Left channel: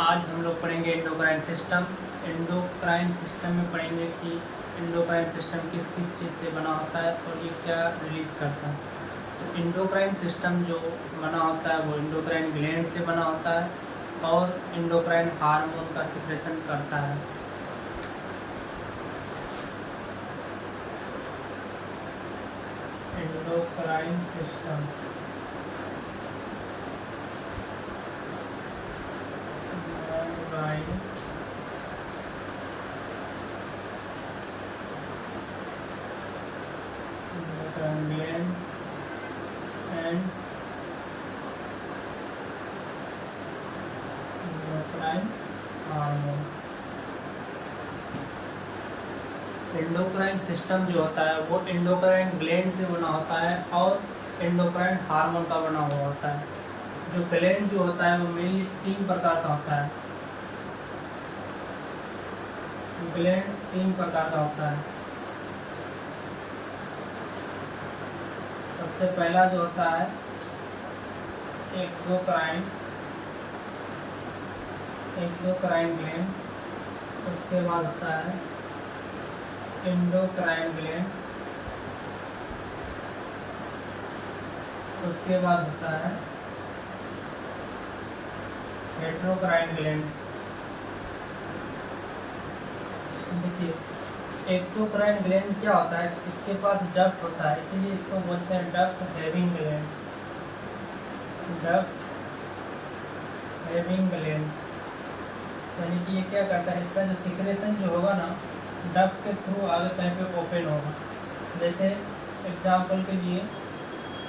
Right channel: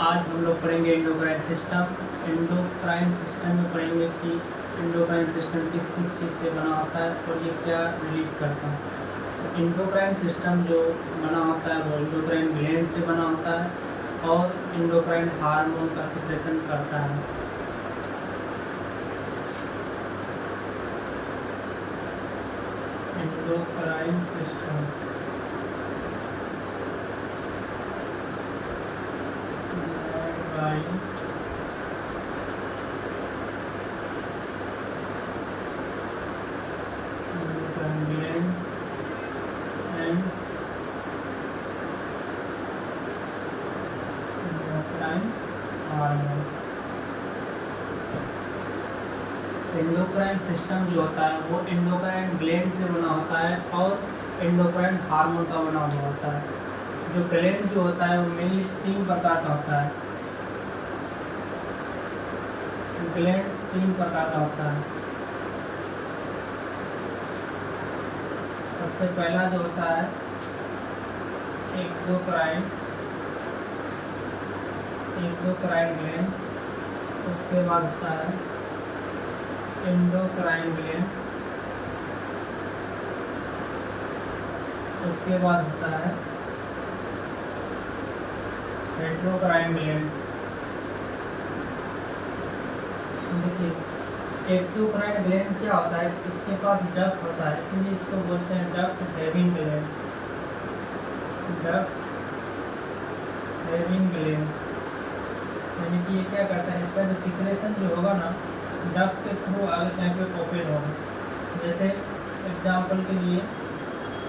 आज हम लोग पढ़ेंगे एंडोक्राइन सिस्टम। एंडोक्राइन सिस्टम में पढ़ेंगे कि एंडोक्राइन सिस्टम किस किस चीज़ से बना होता है और ये क्या रिलीज करता है। तो एंडोक्राइन सिस्टम जो बना होता है वो एंडोक्राइन ग्लैंड से बना होता है और एंडोक्राइन हार्मोन का सिक्रेशन करता है। Endocrine system gland and endocrine hormone. Endocrine system जो होता है वो एंडोक्राइन ग्लैंड से बना होता है और एंडोक्राइन हार्मोन का बना हुआ होता है। जो ग्लैंड जो होता है वो मेनली 3 प्रकार का होता है। ग्लैंड 3 प्रकार का होता है। सबसे पहला जो होता है एक्सोक्राइन ग्लैंड, उसके बाद होता है एंडोक्राइन ग्लैंड, उसके बाद होता है हेटेरोक्राइन ग्लैंड। देखिए एक्सोक्राइन ग्लैंड क्या होता है, इसके पास डक्ट होता है, इसीलिए इसको बोलते हैं duct having gland. Duct having gland यानी कि ये क्या करता है, इसका जो सिक्रेशन जो होगा ना डक्ट के थ्रू आगे कहीं पे ओपन होगा। जैसे एग्जांपल के लिए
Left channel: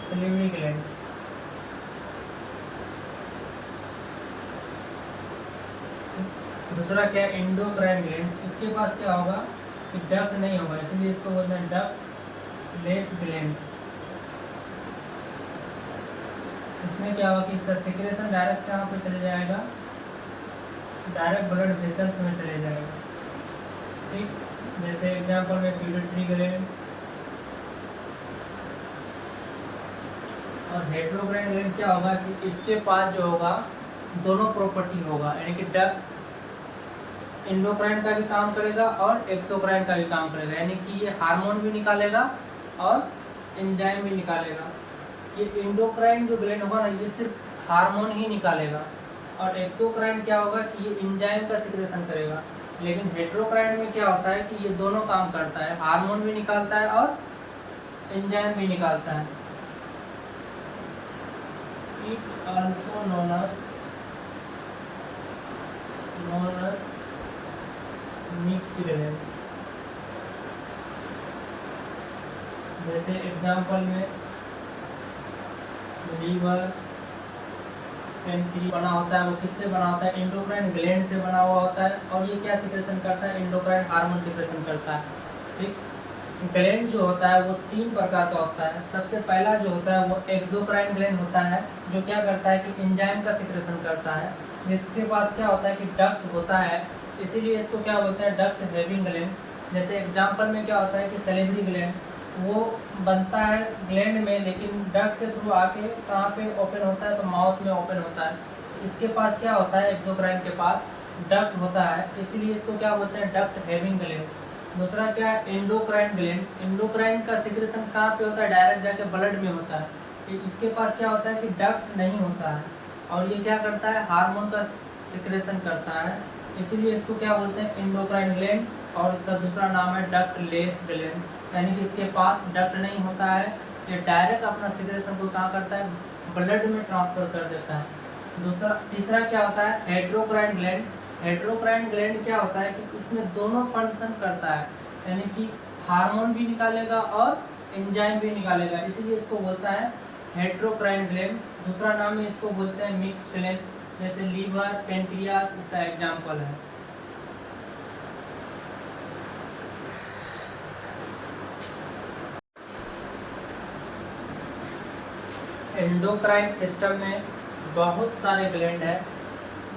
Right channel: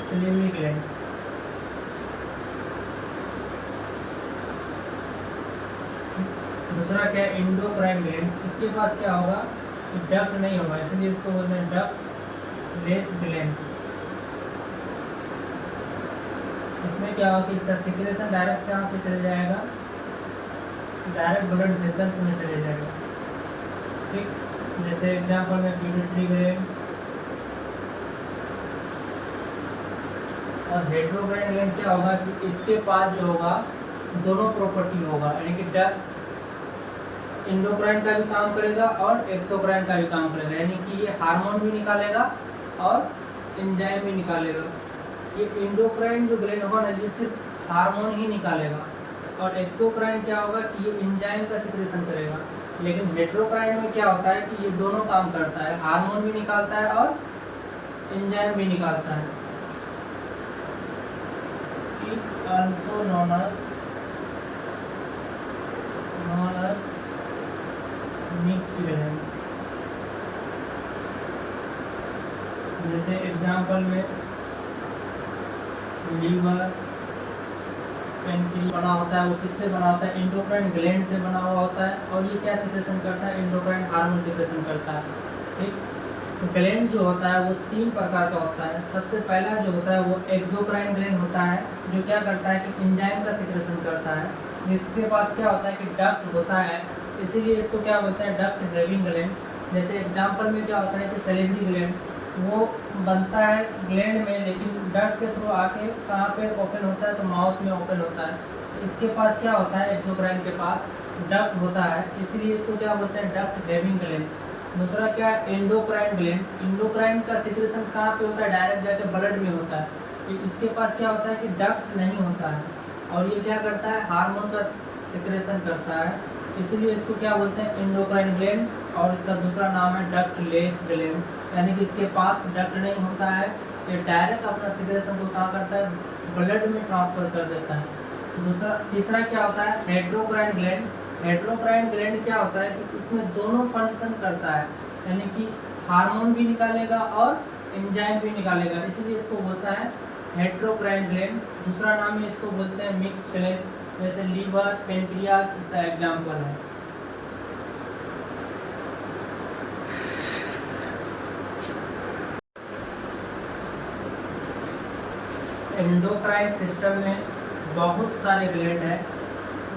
सिलिवरी ग्लैंड। दूसरा क्या है एंडोक्राइन ग्लैंड, इसके पास क्या होगा कि डक्ट नहीं होगा, इसलिए इसको बोलते हैं डक्ट लेस ग्लैंड। इसमें क्या होगा कि इसका सिक्रेशन डायरेक्ट कहाँ पे चले जाएगा, डायरेक्ट ब्लड वेसल्स में चले जाएगा। ठीक, जैसे एग्जांपल में पिट्यूटरी ग्लैंड और हेटेरोक्राइन ग्लैंड क्या होगा कि इसके पास जो होगा दोनों प्रॉपर्टी होगा, यानी कि डक्ट एंडोक्राइन का भी काम करेगा और एक्सोक्राइन का भी काम करेगा, यानी कि ये हार्मोन भी निकालेगा और एंजाइम भी निकालेगा। ये एंडोक्राइन जो ग्लैंड होगा ना ये सिर्फ हार्मोन ही निकालेगा और एक्सोक्राइन क्या होगा कि ये एंजाइम का सिक्रेशन करेगा। लेकिन हेटेरोक्राइन में क्या होता है कि ये दोनों काम करता है, हार्मोन भी निकालता है और एंजाइम भी निकालता है। It also known as mixed gland. जैसे एग्जांपल में लीवर पैंक्रियास बना होता है, वो किससे बना होता है, एंडोक्राइन ग्लैंड से बना हुआ होता है और ये क्या सिक्रेशन करता है, एंडोक्राइन हार्मोन सिक्रेशन करता है। ठीक, ग्लैंड जो होता है वो 3 प्रकार का होता है। सबसे पहला जो होता है वो एक्सोक्राइन ग्लैंड होता है, जो क्या करता है कि एंजाइम का सिक्रेशन करता है। जिसके पास क्या होता है कि डक्ट होता है, इसीलिए इसको क्या बोलते हैं डक्ट हैविंग ग्लैंड। जैसे एग्जांपल में क्या होता है कि सैलिवरी ग्लैंड वो बनता है ग्लैंड में, लेकिन डक्ट के थ्रू आके कहाँ पे ओपन होता है, तो माउथ में ओपन होता है। इसके पास क्या होता है, एक्सोक्राइन के पास डक्ट होता है, इसीलिए इसको क्या बोलते हैं डक्ट हैविंग ग्लैंड। दूसरा क्या है एंडोक्राइन ग्लैंड। एंडोक्राइन का सिक्रेशन कहाँ पे होता है, डायरेक्ट जाके ब्लड में होता है। इसके पास क्या होता है कि डक्ट नहीं होता है और ये क्या करता है, हार्मोन का सिक्रेशन करता है, इसीलिए इसको क्या बोलते हैं एंडोक्राइन ग्लैंड। और इसका दूसरा नाम है डक्ट लेस ग्लैंड, यानी कि इसके पास डक्ट नहीं होता है, ये डायरेक्ट अपना सिक्रेशन को कहाँ करता है, ब्लड में ट्रांसफर कर देता है। तीसरा क्या होता है हेटेरोक्राइन ग्लैंड। हेटेरोक्राइन ग्लैंड क्या होता है कि इसमें दोनों फंक्शन करता है, यानी कि हार्मोन भी निकालेगा और एंजाइम भी निकालेगा, इसीलिए इसको बोलता है हेटेरोक्राइन ग्लैंड। दूसरा नाम है इसको बोलते हैं मिक्स्ड ग्लैंड, जैसे लीवर पैंक्रियास इसका एग्जाम्पल है। एंडोक्राइन सिस्टम में बहुत सारे ग्लैंड हैं,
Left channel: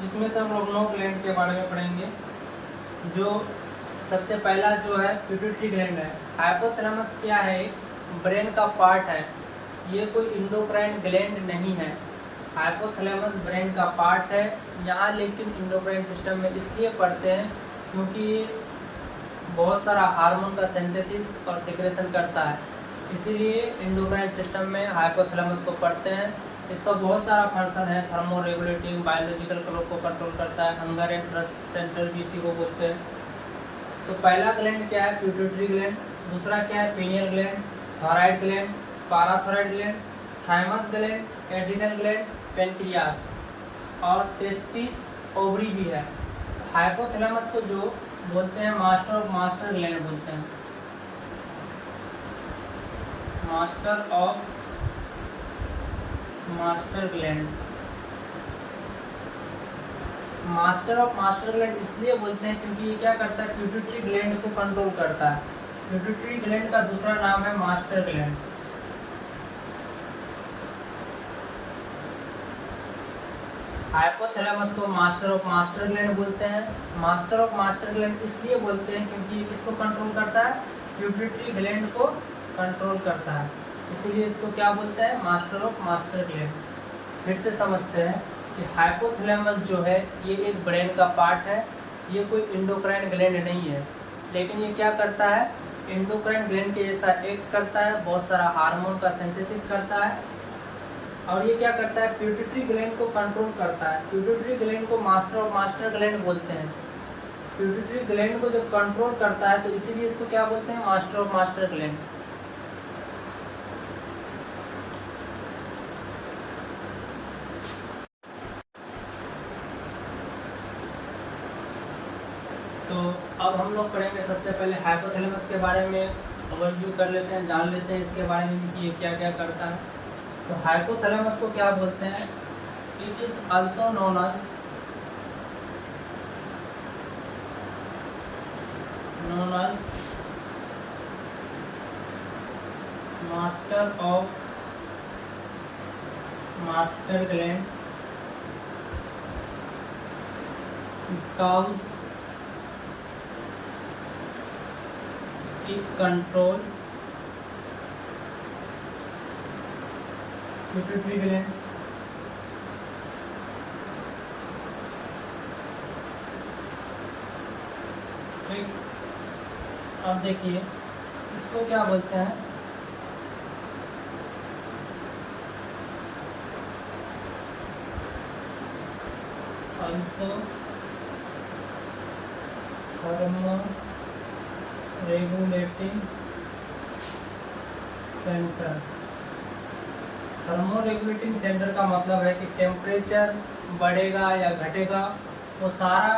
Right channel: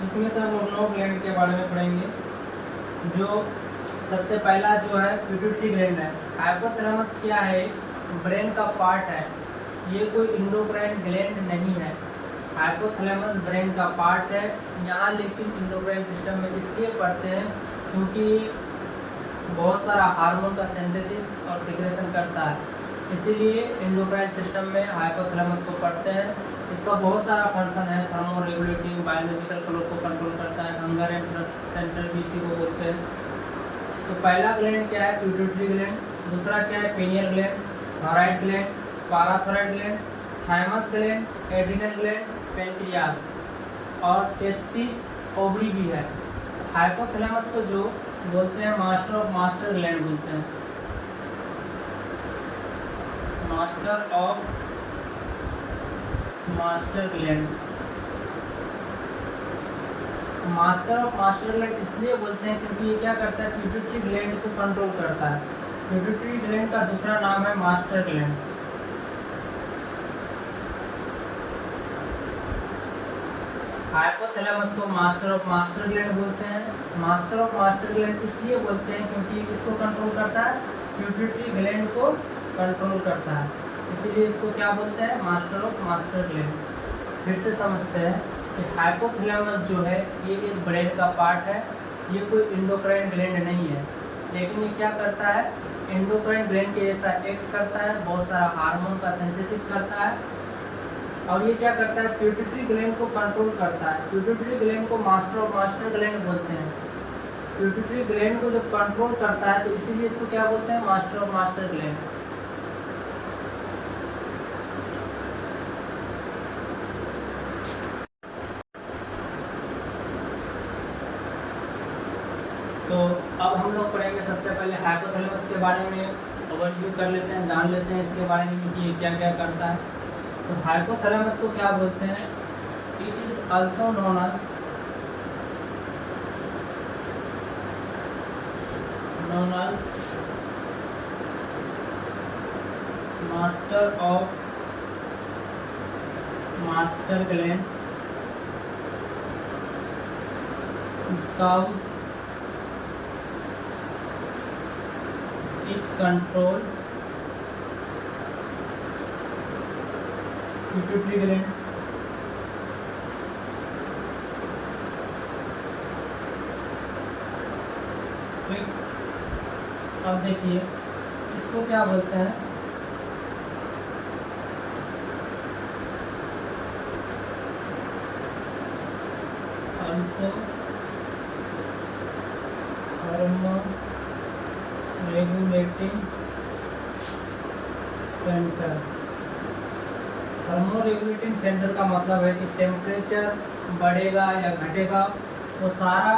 जिसमें से हम लोग 9 ग्लैंड के बारे में पढ़ेंगे। जो सबसे पहला जो है पिट्यूटरी ग्लैंड है। हाइपोथैलेमस क्या है, ब्रेन का पार्ट है, ये कोई एंडोक्राइन ग्लैंड नहीं है। हाइपोथैलेमस ब्रेन का पार्ट है यहाँ, लेकिन एंडोक्राइन सिस्टम में इसलिए पढ़ते हैं क्योंकि बहुत सारा हार्मोन का सिंथेसिस और सिक्रेशन करता है, इसीलिए एंडोक्राइन सिस्टम में हाइपोथैलेमस को पढ़ते हैं। इसका बहुत सारा फंक्शन है, थर्मो रेगुलेटिंग, बायोलॉजिकल क्लॉक को कंट्रोल करता है, हंगर एंड थ्रस्ट सेंटर भी इसी को बोलते हैं। तो पहला ग्लैंड क्या है? Pituitary gland. दूसरा क्या है? Pineal gland, thyroid gland, parathyroid gland, thymus gland, adrenal gland, pancreas और टेस्टिस ओवरी भी है। हाइपोथैलेमस को जो बोलते हैं मास्टर ऑफ मास्टर ग्लैंड बोलते हैं, master of master gland. Master of master gland इसलिए बोलते हैं क्योंकि ये क्या करता है? प्यूटिटरी ग्लैंड को कंट्रोल करता है। प्यूटिटरी ग्लैंड का दूसरा नाम है मास्टर ग्लैंड। हाइपोथैलेमस को मास्टर ऑफ मास्टर ग्लैंड बोलते हैं। मास्टर ऑफ मास्टर ग्लैंड इसलिए बोलते हैं क्योंकि ये किसको कंट्रोल करता है? प्यूटिटरी ग्लैंड को कंट्रोल करता है, इसलिए इसको क्या बोलते हैं? Master of master gland. फिर से समझते हैं कि हाइपोथैलेमस जो है ये एक ब्रेन का पार्ट है, ये कोई एंडोक्राइन ग्लैंड नहीं है, लेकिन ये क्या करता है? एंडोक्राइन ग्लैंड के जैसा एक्ट करता है, बहुत सारा हार्मोन का सिंथेसिस करता है, और ये क्या करता है? प्यूटिटरी ग्लैंड को कंट्रोल करता है। प्यूटिटरी ग्लैंड को मास्टर ऑफ मास्टर ग्लैंड बोलते हैं। प्यूटिटरी ग्लैंड को जब कंट्रोल करता है तो इसीलिए इसको क्या बोलते हैं? Master of master gland. तो अब हम लोग पढ़ेंगे सबसे पहले हाइपोथैलेमस के बारे में ओवरव्यू कर लेते हैं, जान लेते हैं इसके बारे में कि ये क्या क्या करता है। तो हाइपोथैलेमस को क्या बोलते हैं? It is also known as master of master gland because it control pituitary gland, ठीक। अब देखिए इसको क्या बोलते हैं? also regulating centre. Thermo regulating centre का मतलब है कि टेम्परेचर बढ़ेगा या घटेगा, वो सारा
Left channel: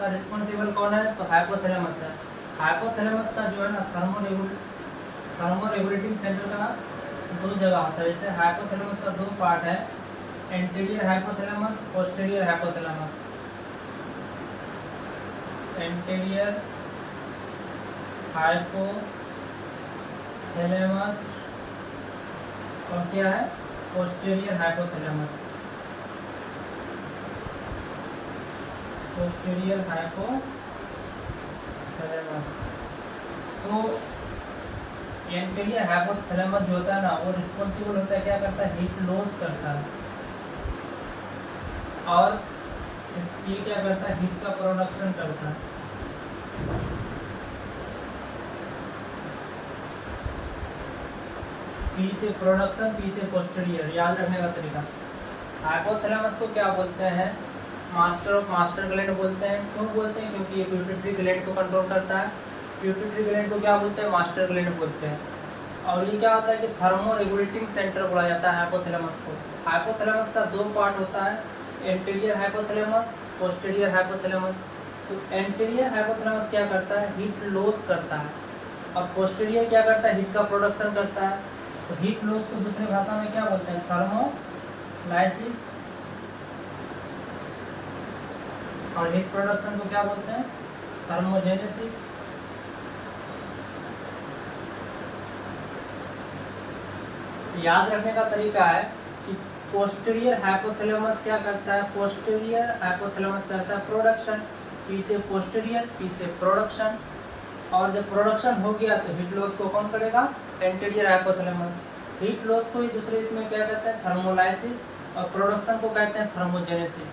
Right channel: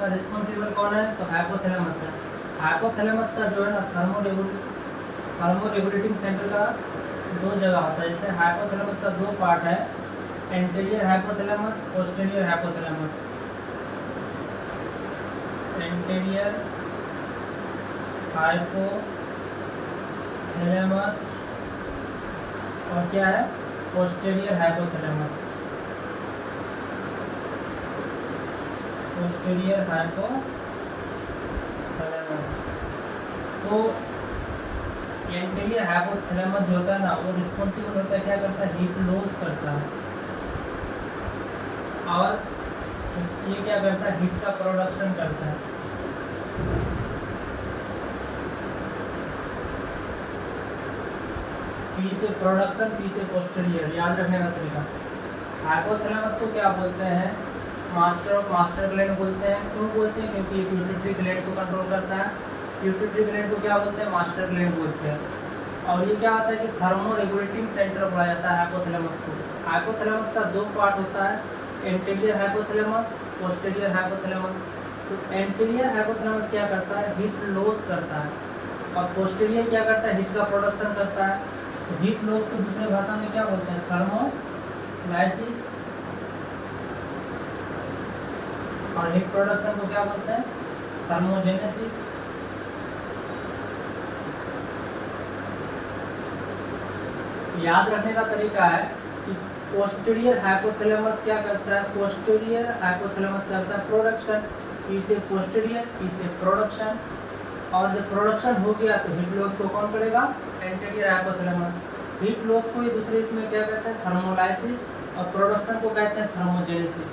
का रिस्पॉन्सिबल कौन है? तो हाइपोथैलेमस है। हाइपोथैलेमस का जो है ना थर्मो रेगुलेटिंग सेंटर का दो जगह होता है। जैसे हाइपोथैलेमस का दो पार्ट है, anterior hypothalamus, posterior hypothalamus. Anterior hypothalamus और क्या है? Posterior hypothalamus. Posterior hypothalamus. तो एंटीरियर हाइपोथैलेमस जो होता है ना, वो रिस्पॉन्सिबल होता है, क्या करता है? हीट लॉस करता है, और ये क्या करता है? हीट का प्रोडक्शन करता है। पी से प्रोडक्शन, पी से पोस्टीरियर, याद रखने का तरीका। हाइपोथैलेमस को क्या बोलते हैं? मास्टर ऑफ मास्टर ग्लैंड बोलते हैं। क्यों बोलते हैं? क्योंकि ये प्यूटिटरी ग्लैंड को कंट्रोल करता है। प्यूटिटरी ग्लैंड को क्या बोलते हैं? मास्टर ग्लैंड बोलते हैं। और ये क्या होता है कि थर्मो रेगुलेटिंग सेंटर बोला जाता है हाइपोथैलेमस को। हाइपोथैलेमस का दो पार्ट होता है, एंटीरियर हाइपोथैलेमस, पोस्टीरियर हाइपोथैलेमस। तो एंटीरियर हाइपोथैलेमस क्या करता है? हीट लॉस करता है, और पोस्टीरियर क्या करता है? हीट का प्रोडक्शन करता है। तो हीट लॉस को दूसरी भाषा में क्या बोलते हैं? थर्मोलाइसिस। और हीट प्रोडक्शन को क्या बोलते हैं? थर्मोजेनेसिस। याद रखने का तरीका है कि पोस्टीरियर हाइपोथैलेमस क्या करता है? पोस्टीरियर हाइपोथैलेमस करता है प्रोडक्शन, पी से पोस्टीरियर, पी से प्रोडक्शन। और जब प्रोडक्शन हो गया तो हीट लॉस को कौन करेगा? Anterior hypothalamus. हीट लॉस को ही दूसरे इसमें क्या कहते हैं, थर्मोलाइसिस, और प्रोडक्शन को कहते हैं थर्मोजेनेसिस।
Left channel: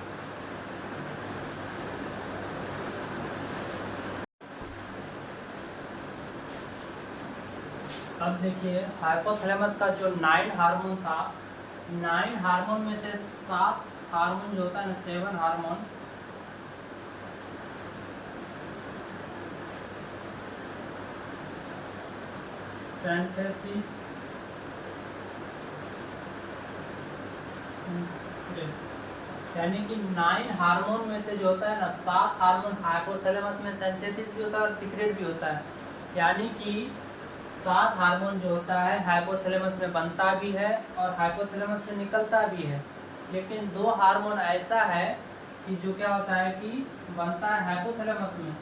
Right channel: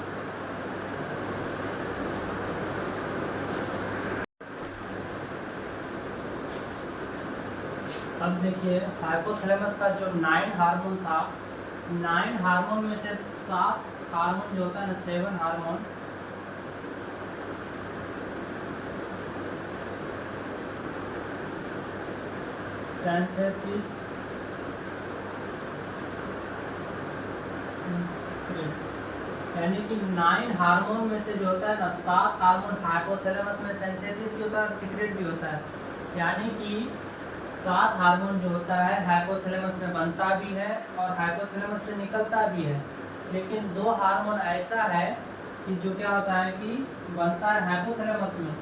अब देखिए हाइपोथैलेमस का जो 9 हार्मोन था, 9 हार्मोन में से 7 हार्मोन जो होता है ना, 7 हार्मोन, सिंथेसिस, यानी कि 9 हार्मोन में से जो होता है ना, 7 हार्मोन हाइपोथैलेमस में सिंथेसिस भी होता है और सीक्रेट भी होता है। यानी कि 7 हार्मोन जो होता है हाइपोथैलेमस में बनता भी है और हाइपोथैलेमस से निकलता भी है। लेकिन 2 हार्मोन ऐसा है कि जो क्या होता है कि बनता है हाइपोथैलेमस में,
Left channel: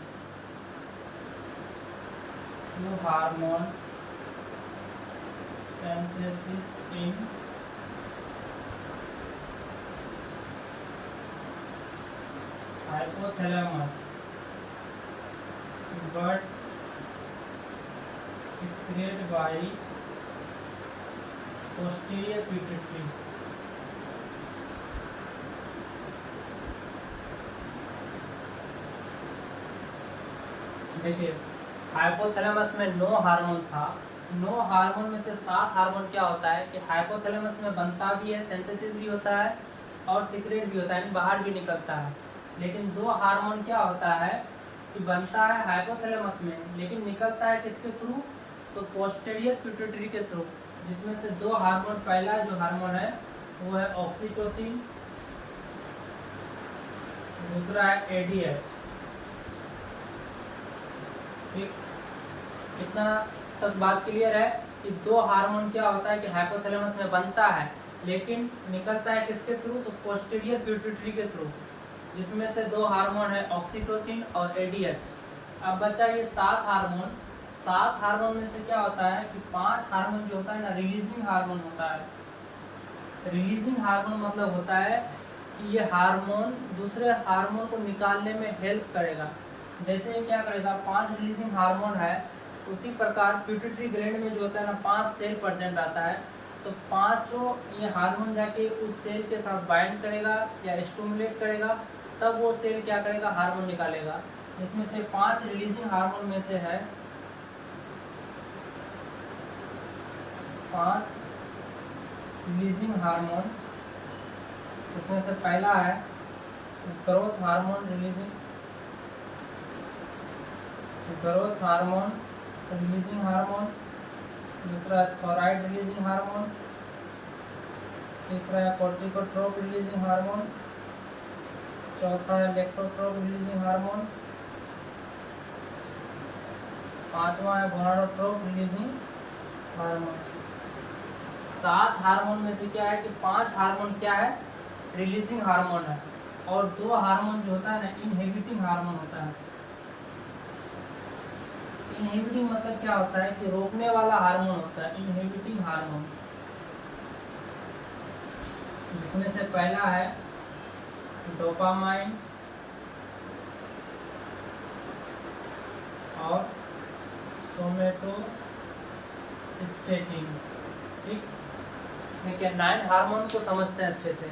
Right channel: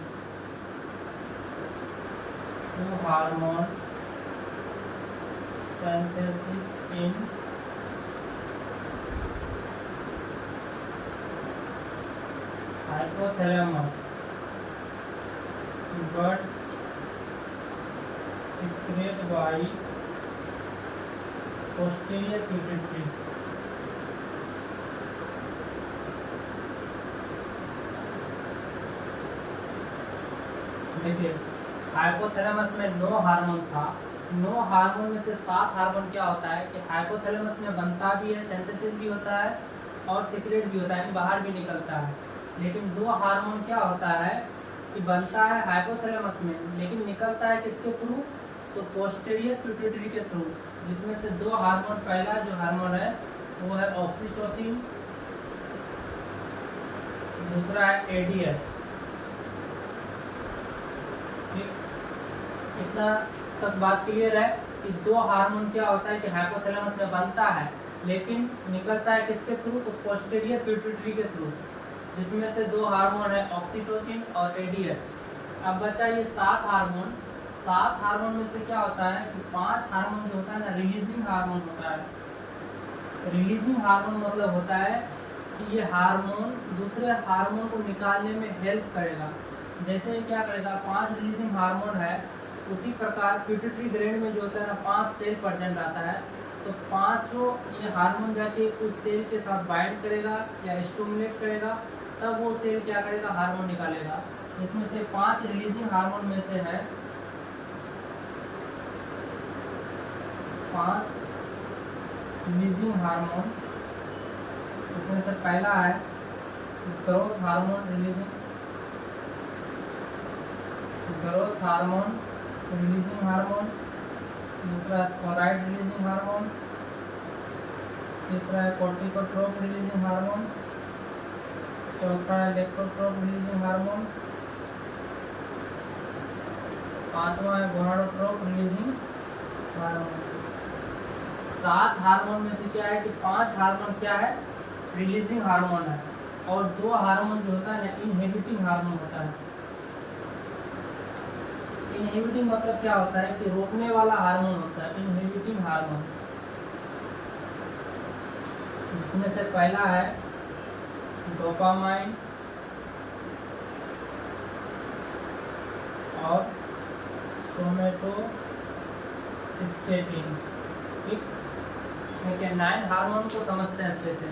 2 hormone synthesis in hypothalamus but secreted by posterior pituitary। देखिए हाइपोथैलेमस में 9 हार्मोन था, 9 हार्मोन में से 7 हार्मोन क्या होता है कि हाइपोथैलेमस में बनता भी है, सिंथेसिस भी होता है और सीक्रेट भी होता है, यानी बाहर भी निकलता है। लेकिन 2 हार्मोन क्या होता है कि बनता है हाइपोथैलेमस में, लेकिन निकलता है किसके थ्रू, तो पोस्टीरियर पिट्यूटरी के थ्रू, जिसमें से 2 हार्मोन, पहला जो हार्मोन है वो है ऑक्सीटोसिन, दूसरा है एडीएच। ठीक, इतना तक बात क्लियर है कि 2 हार्मोन क्या होता है कि हाइपोथैलेमस में बनता है लेकिन निकलता है किसके थ्रू, तो पोस्टीरियर पिट्यूटरी के थ्रू, जिसमें से 2 हार्मोन है ऑक्सीटोसिन और एडीएच। अब बचा ये 7 हार्मोन, 7 हार्मोन में से क्या होता है कि 5 हार्मोन जो होता है ना, रिलीजिंग हार्मोन होता है। रिलीजिंग हार्मोन मतलब होता है कि ये हार्मोन दूसरे हार्मोन को निकालने में हेल्प करेगा। जैसे क्या करेगा, 5 रिलीजिंग हार्मोन है, उसी प्रकार पिट्यूटरी ग्लैंड में जो होता है ना 5 सेल प्रेजेंट आता है, तो 500 ये हार्मोन जाके उस सेल के साथ बाइंड करेगा या स्टिमुलेट करेगा, तब वो सेल क्या करेगा, हार्मोन निकालेगा। इसमें से 5 रिलीजिंग हार्मोन में से है 5 रिलीजिंग हार्मोन। इसमें से पहला है ग्रोथ हार्मोन रिलीजिंग हार्मोन, दूसरा है थायराइड रिलीजिंग हार्मोन, तीसरा है कॉर्टिकोट्रोप रिलीजिंग हार्मोन, चौथा है लेक्टोट्रोप रिलीजिंग हार्मोन, पांचवा है गोनाडोट्रोप रिलीजिंग हार्मोन। 7 हार्मोन में से क्या है कि 5 हार्मोन क्या है, रिलीजिंग हार्मोन है, और 2 हार्मोन जो होता है ना, इनहिबिटिंग हार्मोन होता है। इनहिबिटिंग मतलब क्या होता है कि रोकने वाला हार्मोन होता है, इनहिबिटिंग हार्मोन, जिसमें से पहला है डोपामाइन और सोमेटोस्टेटिन। ठीक, देखिए 9 हार्मोन को समझते हैं अच्छे से।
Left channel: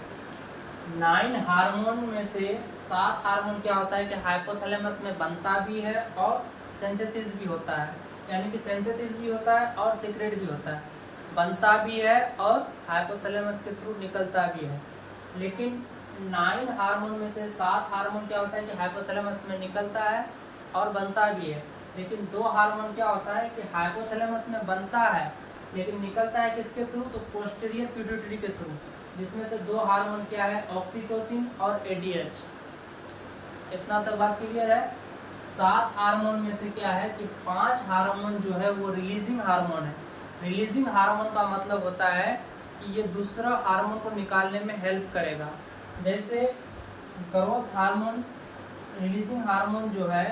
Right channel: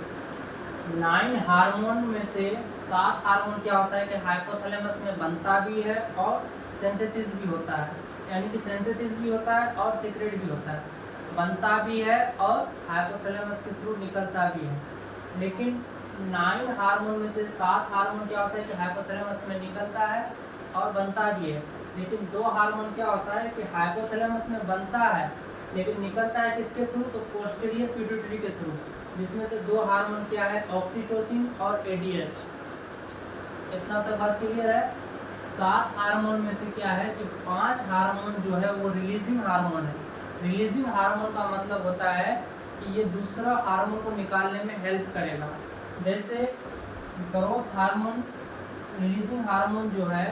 9 हार्मोन में से 7 हार्मोन क्या होता है कि हाइपोथैलेमस में बनता भी है और सिंथेसिस भी होता है, यानी कि सिंथेसिस भी होता है और सीक्रेट भी होता है, बनता भी है और हाइपोथैलेमस के थ्रू निकलता भी है। लेकिन 9 हार्मोन में से 7 हार्मोन क्या होता है कि हाइपोथैलेमस में निकलता है और बनता भी है, लेकिन 2 हार्मोन क्या होता है कि हाइपोथैलेमस में बनता है लेकिन निकलता है किसके थ्रू, तो पोस्टीरियर पिट्यूटरी के थ्रू, जिसमें से 2 हार्मोन क्या है, ऑक्सीटोसिन और एडीएच। इतना तक बात क्लियर है। 7 हार्मोन में से क्या है कि 5 हार्मोन जो है वो रिलीजिंग हार्मोन है। रिलीजिंग हार्मोन का मतलब होता है कि ये दूसरा हार्मोन को निकालने में हेल्प करेगा। जैसे ग्रोथ हार्मोन, रिलीजिंग हार्मोन जो है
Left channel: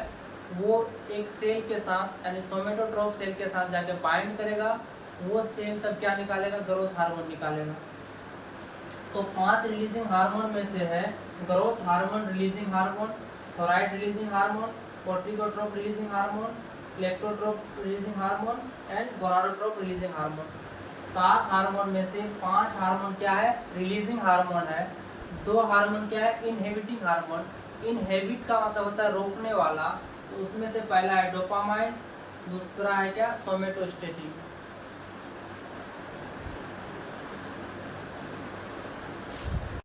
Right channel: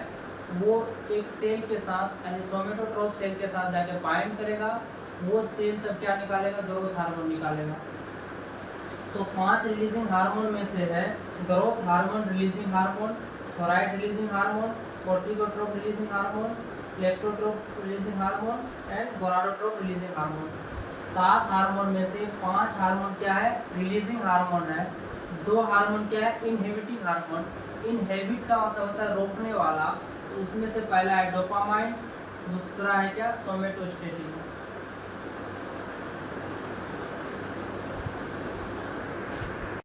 वो एक सेल के साथ यानी सोमेटोट्रोप सेल के साथ जाके बाइंड करेगा, वो सेल तब क्या निकालेगा, ग्रोथ हार्मोन निकालेगा। तो 5 रिलीजिंग हार्मोन में से है growth hormone releasing hormone, thyroid releasing hormone, corticotrope releasing hormone, lactotrope releasing hormone and gonadotrope releasing hormone. 7 hormone में से 5 हार्मोन क्या है, रिलीजिंग हार्मोन है। 2 हार्मोन क्या है, इनहिबिटिंग हार्मोन। इनहिबिट का मतलब होता है रोकने वाला, तो उसमें से पहला है डोपामाइन, दूसरा है क्या, सोमेटोस्टेटिन।